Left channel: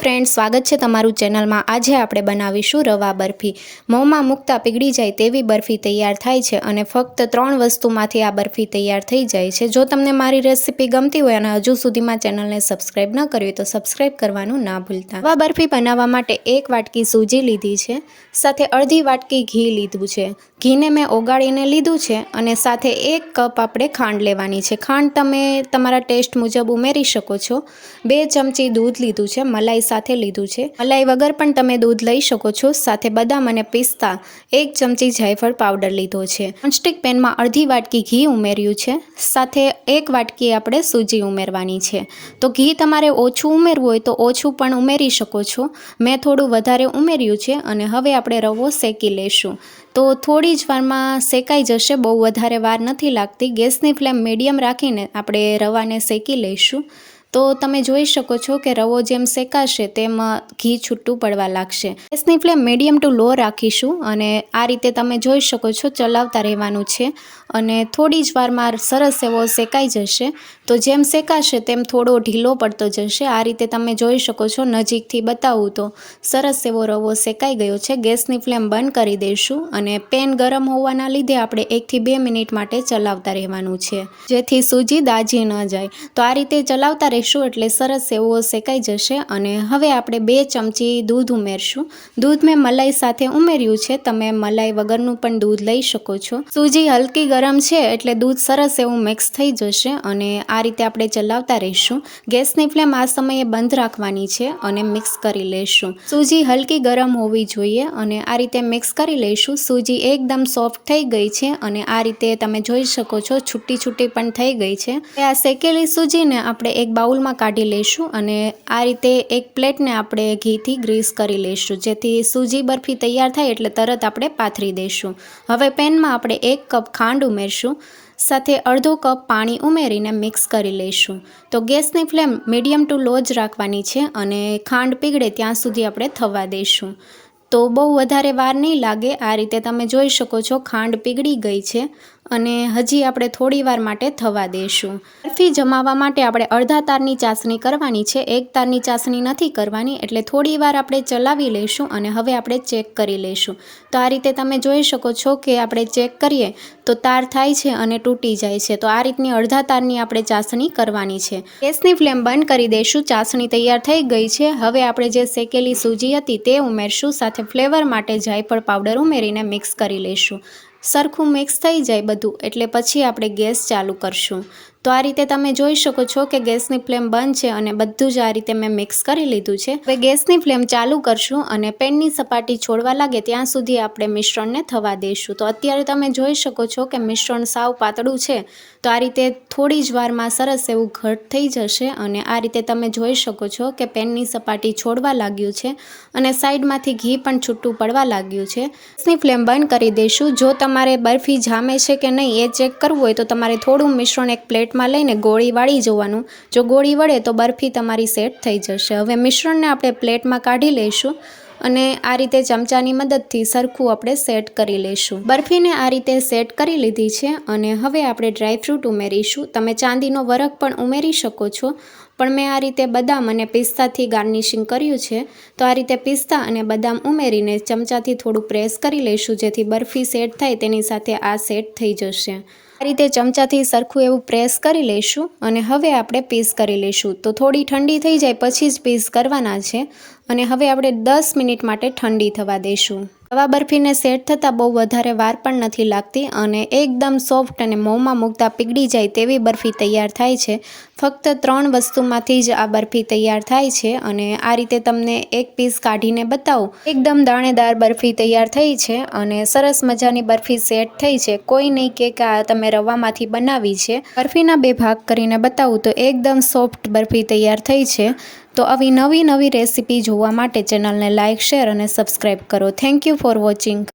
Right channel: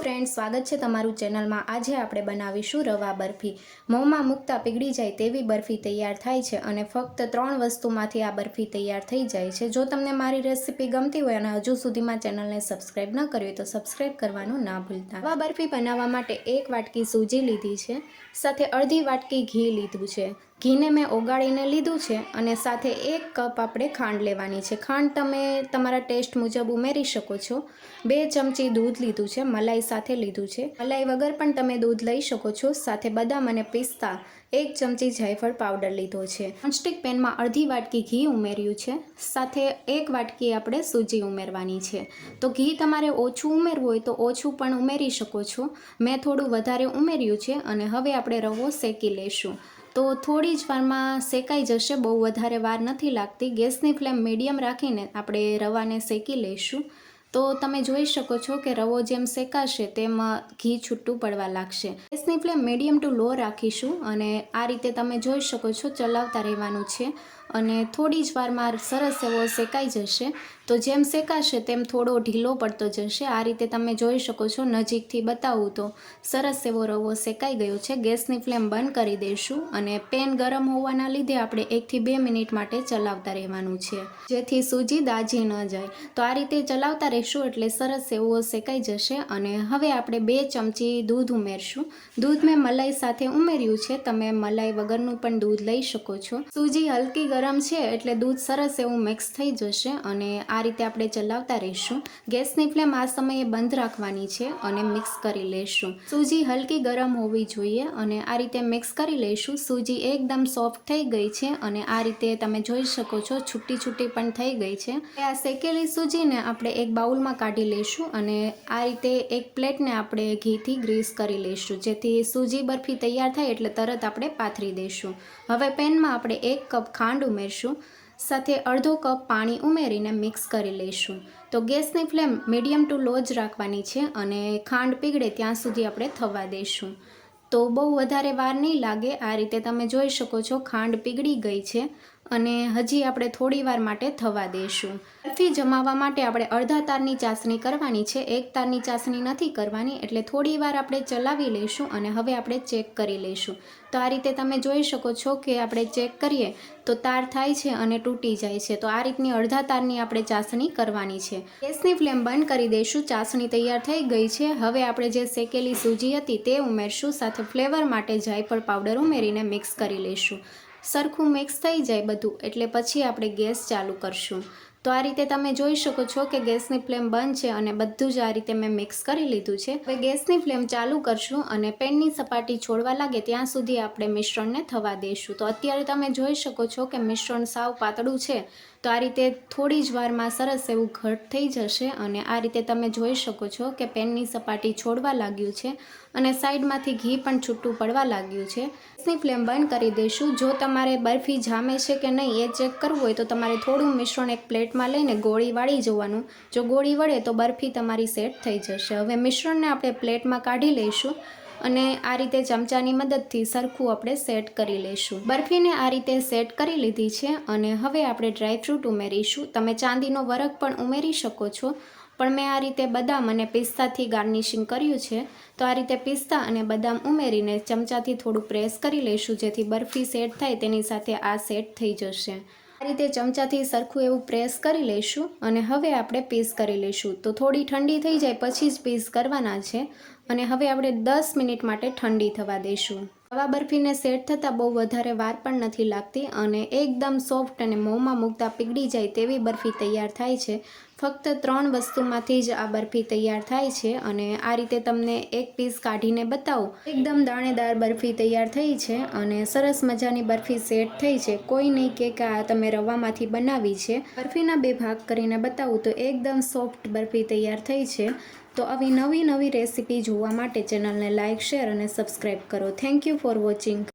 Friends, સ્વાગત છે તમારું ચેનલમાં। આજે આપણે બનાવીશું રવા બરફી। મોંમાં મૂકતા પીગળી જાય તેવી બરફી તૈયાર થાય છે અને ફક્ત 3 વસ્તુમાંથી આ બરફી તૈયાર થઈ જાય છે। જો તમને મારી રેસીપી ગમતી હોય અને હજુ સુધીમાં ચેનલને સબસ્ક્રાઇબ ન કરી હોય તો સબસ્ક્રાઇબ કરવાનું ના ભૂલતા। રવા બરફી બનાવવા માટે 1 વાટકી સૂજી લીધી છે, સાથે અડધી વાટકી ઘી લીધું છે। ઘીને મેં ઓગાળીને લીધું છે અને સાથે 1 કપ આપણે ખાંડ લેવાની છે। ખાંડ તમે તમારા ટેસ્ટ મુજબ ઉમેરી શકો છો। 2 ચમચી દૂધ લીધું છે, મલાઈ સાથે લીધું છે। મલાઈ વગર પણ તમે દૂધ લઈ શકો છો। સાથે બદામ અને પિસ્તા, 1 ચમચી જાયફળ પાવડર લીધો છે। નોનસ્ટિક પેનમાં અડધી વાટકી ઘી ઉમેર્યું છે, સાથે 1 વાટકી આપણે સૂજી ઉમેરવાની છે। તો ઘી તમારે ઓછું ઉમેરવું હોય તો ઓછું પણ ઉમેરી શકો છો। મેં થોડું વધારે ઉમેર્યું છે અને હવે આપણે રવો શેકી લેશું। તો થોડી જ વારમાં શેકાઈ જશે, બહુ વધારે વાર નથી લાગતી। ગેસની ફ્લેમ મીડિયમ રાખીને આપણે રવાને શેકી લઈશું। તો તમે જોઈ શકો છો કે રવો જેમ શેકાશે તેમ ઘી છૂટું પડવા લાગશે। ગેસની ફ્લેમ મીડિયમ ટુ લો રાખીશું અને આ રીતે તમે જોઈ શકો છો ચલાવતા રહેવાનું છે અને થોડી જ વારમાં સરસ એવો શેકાઈ જશે। તો જેમ શેકાશે તેમ થોડો ઢીલો પડતો જશે। આ રીતે તમે જોઈ શકો છો, નજીકથી બતાવું તો સરસ એવો રવો શેકાઈ ગયો છે। ગેસની ફ્લેમ બંધ કરી દઈશું અને પેન ગરમ હોવાના લીધે આપણે 1 થી 2 મિનિટ માટે ચલાવતા રહેવાનું છે, જેથી સૂજી દાજી ન જાય। તો આ રીતે ચલાવતા રહેશું એટલે સરસ એવો શેકાઈ જશે। અને હવે આપણે 2 ચમચી દૂધ ઉમેરશું। દૂધ મેં મલાઈ સાથે ઉમેર્યું છે, તમે મલાઈ વગરનું પણ દૂધ લઈ શકો છો। સૂજી હલકી ગરમ છે એટલે દૂધ સરસ એવું મિક્સ થઈ જશે અને આ રીતે આપણે ચલાવતા રહીશું। ગેસની ફ્લેમ આ સમયે બંધ રાખવાની છે અને મિક્સ કરી લઈશું। સૂજી હલકી ગરમ હોવી જોઈએ અને આ રીતે મિક્સ કરી લઈશું। સૂજી એકદમ સોફ્ટ થઈ ગઈ છે અને આ રીતે તમે જોઈ શકો છો છૂટી છૂટી પણ થઈ ગઈ છે। આ શેકેલી સૂજીને આપણે એક બાઉલમાં કાઢી લઈશું અને આ રીતે એક પ્લેટને આપણે ઘીથી ગ્રીસ કરી લઈશું, જેથી સૂજી બરફી તૈયાર થાય એટલે તરત આપણે પાથરી દઈશું। હવે પેનમાં આપણે 1 કપ ખાંડ ઉમેરશું, સાથે અડધો કપ પાણી ઉમેરીને મિક્સ કરી લઈશું। તો ગેસની ફ્લેમ મીડિયમ ટુ લો જ રાખવાની છે અને ખાંડ પીગળે ત્યાં સુધી આપણે થવા દઈશું। તો બહુ વધારે વાર નહીં લાગે। આ રીતે તમે જોઈ શકો છો ખાંડ પીગળી ગઈ છે અને હજી આપણે થોડી વાર માટે થવા દઈશું। બરફી જમાવવા માટે આપણે અડધા તારની ચાસણી કરવાની છે, 1 તારની ચાસણી નથી કરવાની। એટલે થોડી વાર આપણે ચલાવી લઈશું અને હવે આપણે ચેક કરી લઈશું। તો આ રીતે તમે જોઈ શકો છો કે આપણે ચેક કરીએ તો તાર થાય છે અને તૂટી જાય છે। તો આ રીતની અડધા તારની આપણે ચાસણી કરવાની છે। ગેસની ફ્લેમ બંધ કરી દઈશું। ચાસણી તૈયાર થઈ ગઈ છે। હવે આપણે જે શેકેલી સૂજી હતી તે ઉમેરશું, સાથે ફ્લેવર માટે જાયફળ પાવડર ઉમેરીને મિક્સ કરી લઈશું। સરખું મિક્સ થઈ જાય બધું એટલે પછી આપણે ગેસ ચાલુ કરશું। તો આ રીતે તમે જોઈ શકો છો કે ગેસની ફ્લેમ બંધ છે અને બધું જ આ રીતે મેં મિક્સ કરી લીધું છે। હવે ગેસની ફ્લેમ ચાલુ કરશું અને પેનની સપાટી છોડવા લાગે ત્યાં સુધી આપણે મિશ્રણને થવા દઈશું। તો અત્યારે તમે જોઈ શકો છો કે મિશ્રણ સાવ પાતળું છે। તો આ રીતે થોડી જ વારમાં સરસ એવું ઘટ થઈ જશે અને આ રીતે તમે જોઈ શકો છો કે પેનની સપાટી છોડવા લાગ્યું છે અને સાઈડમાંથી ઘી પણ છૂટું પડવા લાગ્યું છે। ગેસની ફ્લેમ બંધ કરી દઈશું। જો તમારે બરફી જામે છે કે નહીં એ ચેક કરવું હોય તો તમારે થોડું મિશ્રણ એક પ્લેટમાં લઈને ગોળી વાળી જોવાનું। જો ગોળી વળે તો બરફી તમારી સેટ થઈ જશે। હવે મિશ્રણને આપણે પ્લેટમાં કાઢી લઈશું અને આ રીતે ચમચાની મદદથી સરખું આપણે સેટ કરી લઈશું। બરફીને આ રીતે સેટ કરી લીધી છે અને હવે આપણે ડ્રાયફ્રૂટ ઉમેરીશું। તમે ચાંદીનો વરખ પણ ઉમેરી શકો છો, પણ મેં આ રીતે બદામ અને પિસ્તાથી ગાર્નિશિંગ કર્યું છે। તો આ રીતે પિસ્તા અને બદામ ઉમેરીને ચમચાથી થોડું પ્રેસ કરી લઈશું, જેથી બરફી સેટ થાય તેની સાથે આ સેટ થઈ જશે। આ રીતે ચમચાથી સરખું એવું પ્રેસ કરી લઈશું અને હવે આપણે પીસ કરી લઈશું। તો થોડી ઠંડી થઈ જાય પછી જ પીસ કરવાના છે અને હવે આપણે 10 મિનિટ માટે ઠંડી થવા દઈશું। રવા બરફીને સેટ થતાં બહુ વધારે વાર પણ નથી લાગતી અને એકદમ સોફ્ટ અને મોંમાં મૂકતા પીગળી જાય તેવી બરફી તૈયાર થાય છે। ફક્ત 3 વસ્તુમાંથી જ આ બરફી તૈયાર થાય છે અને આ રીતે તમને એક પીસ કાઢીને બતાવું, એકદમ દાણેદાર બરફી તૈયાર થઈ છે અને સરસ મજાની બરફી સેટ થઈ છે। કોઈ નહીં કે આ તમે રવામાંથી બનાવી છે। બરફીના 2 ભાગ કરીને બતાવું તો એકદમ સોફ્ટ બરફી તૈયાર થઈ છે। તો આવી નવી રેસીપી જોવા માટે ચેનલને લાઇક, શેર અને સબસ્ક્રાઈબ કરો। Thank you for watching.